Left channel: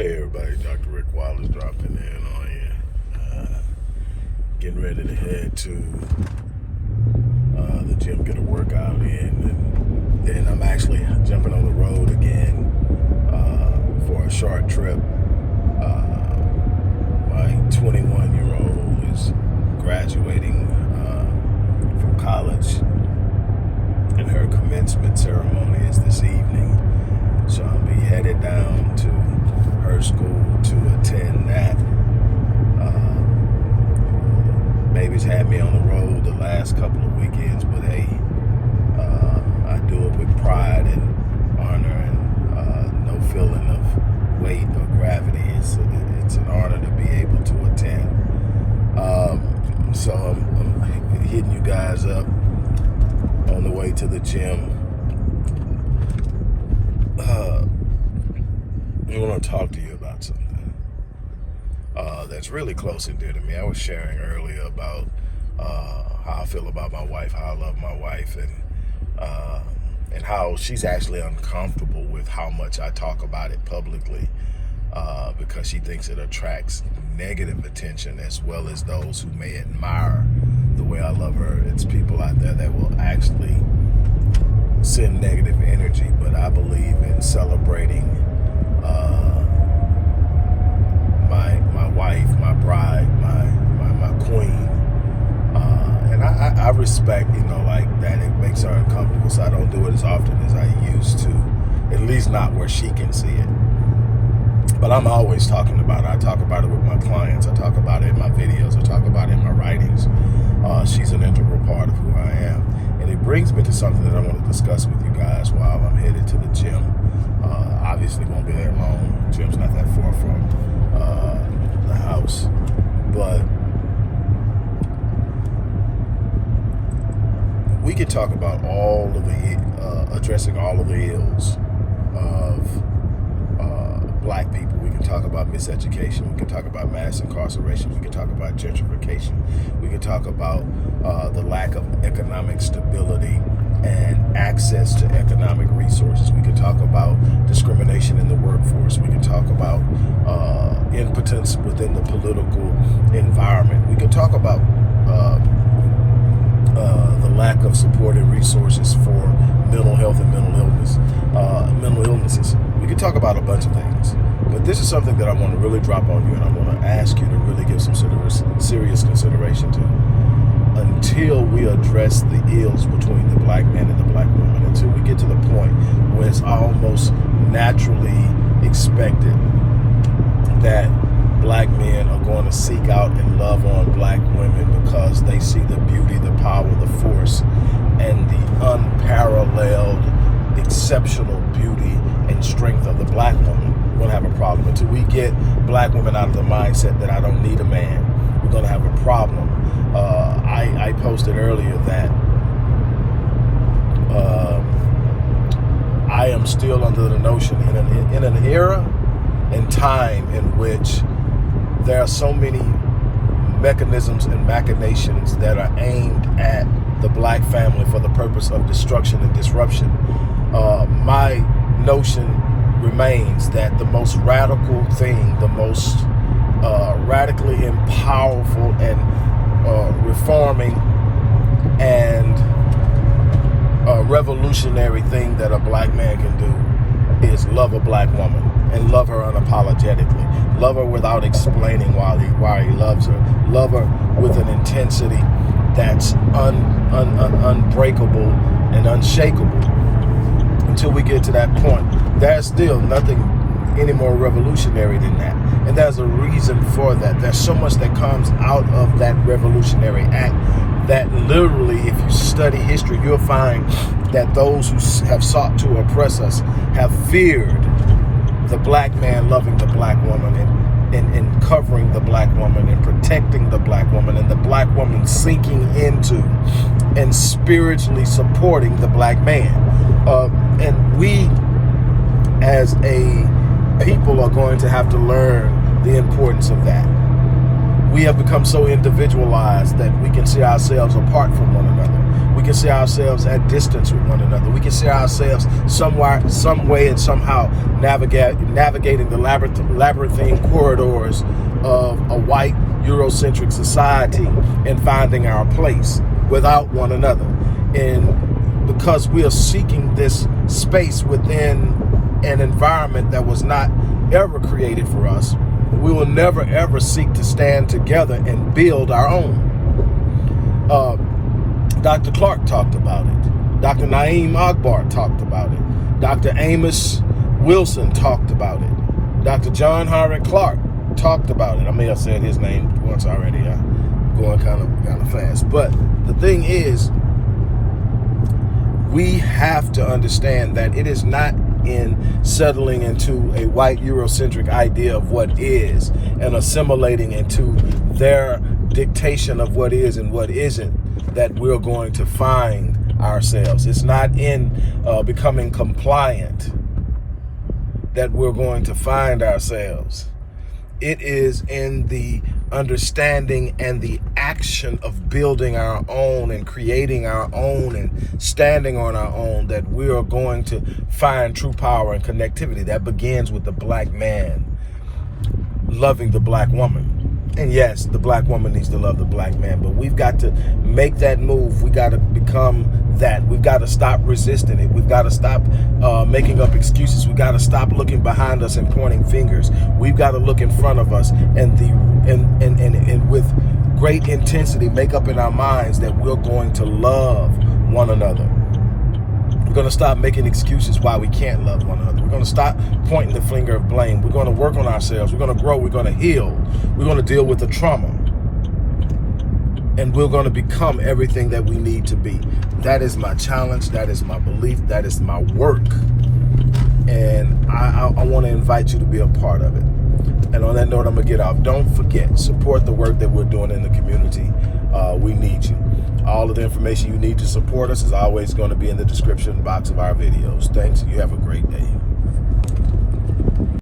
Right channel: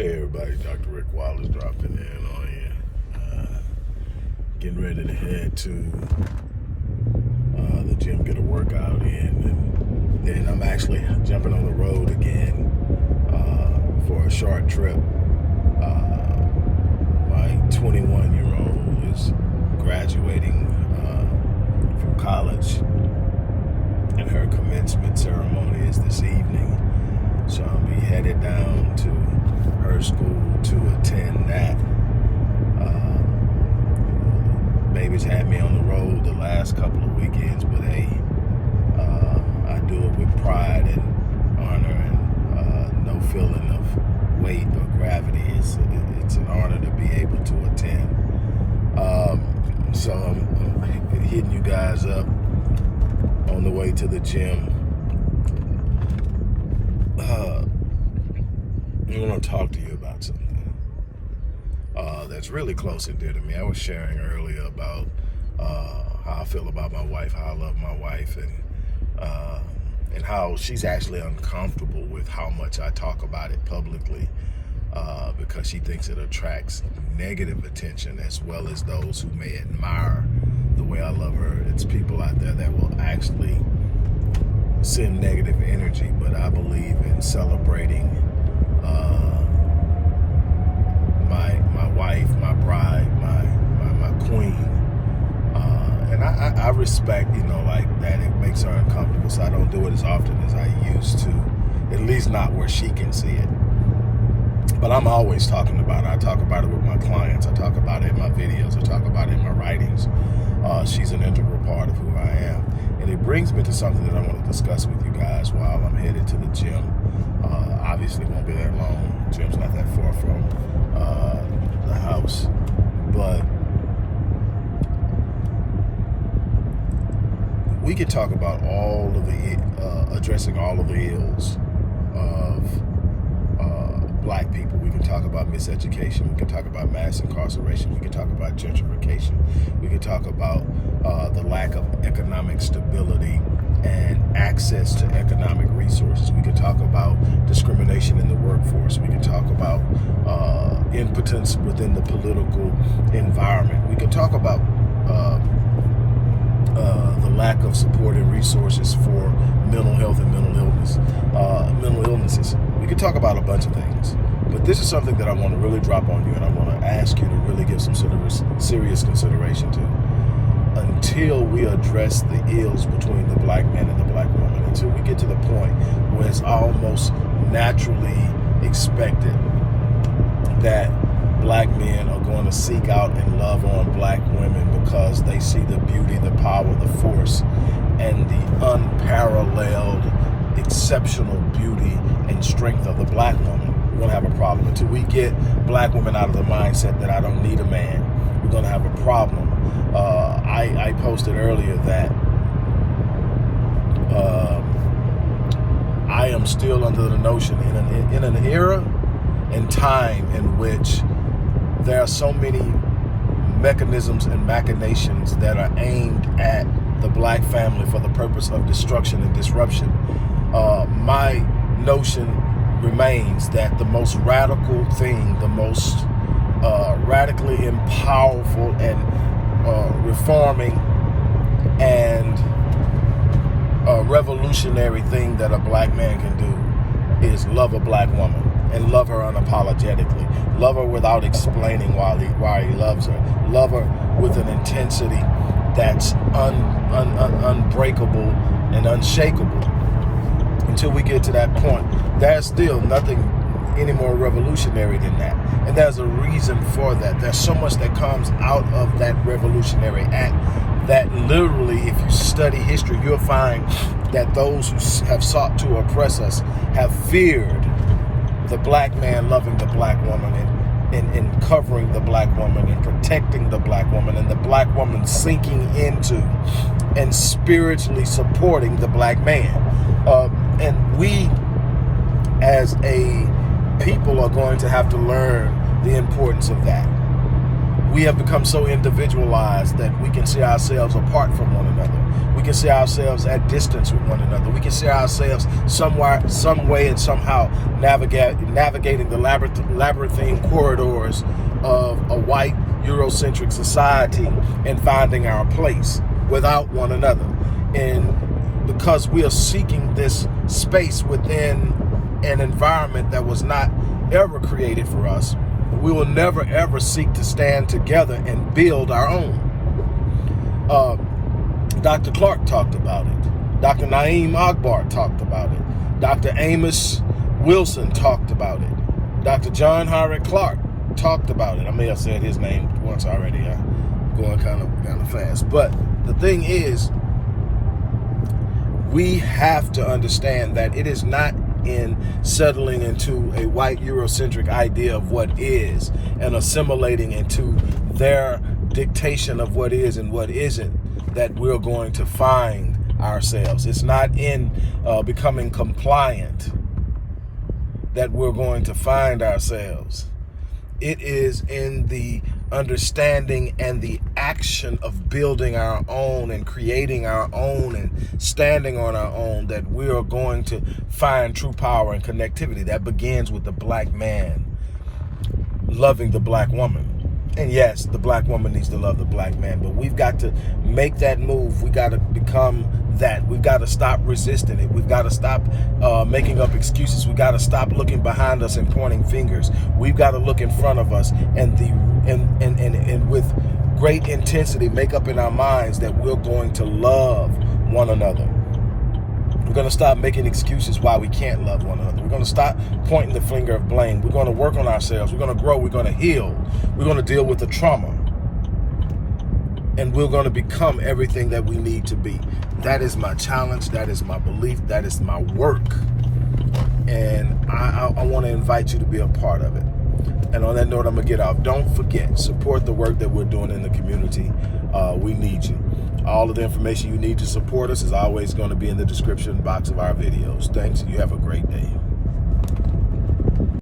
Hey everybody, Dr. Rick Wallace dropping in on you. Getting ready to head to the gym, get a workout in, and then I'm actually jumping on the road again for a short trip. My 21-year-old is graduating from college, and her commencement ceremony is this evening. So I'll be headed down to her school to attend that. Baby's had me on the road the last couple of weekends, but hey, I do it with pride and honor and no feeling of weight or gravity. It's an honor to be able to attend. So I'm hitting you guys up on the way to the gym. I want to talk to you about something that's really close and dear to me. I was sharing earlier about how I feel about my wife, how I love my wife, and how she's actually uncomfortable with how much I talk about it publicly because she thinks it attracts negative attention, as well as those who may admire the way I love her. It's people out there that will actually send negative energy, but I believe in celebrating my wife, my bride, my queen, and I respect, like that. It makes her uncomfortable, so I don't do it as often as I used to, at least not where she can see it. But I'm always talking about it. I talk about it with my clients. I talk about it in my videos. I talk about it in my writings. She's an integral part of who I am. And it brings me to something that I want to discuss with you guys while I'm headed to the gym. Obviously won't be that long. The gym's not that far from the house. But we could talk about all of the, addressing all of the ills of black people. We can talk about miseducation. We can talk about mass incarceration. We can talk about gentrification. We can talk about the lack of economic stability and access to economic resources. We can talk about discrimination in the workforce. We can talk about impotence within the political environment. We can talk about the lack of support and resources for mental health and mental illnesses. We could talk about a bunch of things, but this is something that I want to really drop on you, and I want to ask you to really give some serious consideration to. Until we address the ills between the black man and the black woman, until we get to the point where it's almost naturally expected that black men are going to seek out and love on black women because they see the beauty, the power, the force, and the unparalleled, exceptional beauty and strength of the black woman, we're going to have a problem. Until we get black women out of the mindset that I don't need a man, we're going to have a problem. I posted earlier that I am still under the notion in an era and time in which there are so many mechanisms and machinations that are aimed at the black family for the purpose of destruction and disruption. My notion remains that the most radical thing, the most radically and powerful and reforming and revolutionary thing that a black man can do is love a black woman and love her unapologetically. Love her without explaining why he loves her. Love her with an intensity that's unbreakable and unshakable. Until we get to that point, there's still nothing any more revolutionary than that. And there's a reason for that. There's so much that comes out of that revolutionary act that literally, if you study history, you'll find that those who have sought to oppress us have feared the black man loving the black woman and covering the black woman and protecting the black woman, and the black woman sinking into and spiritually supporting the black man. And we as a people are going to have to learn the importance of that. We have become so individualized that we can see ourselves apart from one another. We can see ourselves at distance with one another. We can see ourselves somewhere, some way, and somehow navigating the labyrinthine corridors of a white Eurocentric society and finding our place without one another. And because we are seeking this space within an environment that was not ever created for us, we will never ever seek to stand together and build our own. Dr. Clark talked about it. Dr. Naeem Akbar talked about it. Dr. Amos Wilson talked about it. Dr. John Howard Clark talked about it. I may have said his name once already. I'm going kind of fast. But the thing is, we have to understand that it is not in settling into a white Eurocentric idea of what is and assimilating into their dictation of what is and what isn't that we're going to find ourselves. It's not in becoming compliant that we're going to find ourselves. It is in the understanding and the action of building our own and creating our own and standing on our own that we are going to find true power and connectivity. That begins with the black man loving the black woman. And yes, the black woman needs to love the black man, but we've got to make that move. We got to become that. We've got to stop resisting it. We've got to stop making up excuses. We've got to stop looking behind us and pointing fingers. We've got to look in front of us and with great intensity make up in our minds that we're going to love one another. We're going to stop making excuses why we can't love one another. We're going to stop pointing the finger of blame. We're going to work on ourselves. We're going to grow. We're going to heal. We're going to deal with the trauma. And we're going to become everything that we need to be. That is my challenge. That is my belief. That is my work. And I want to invite you to be a part of it. And on that note, I'm going to get off. Don't forget, support the work that we're doing in the community. We need you. All of the information you need to support us is always going to be in the description box of our videos. Thanks. You have a great day.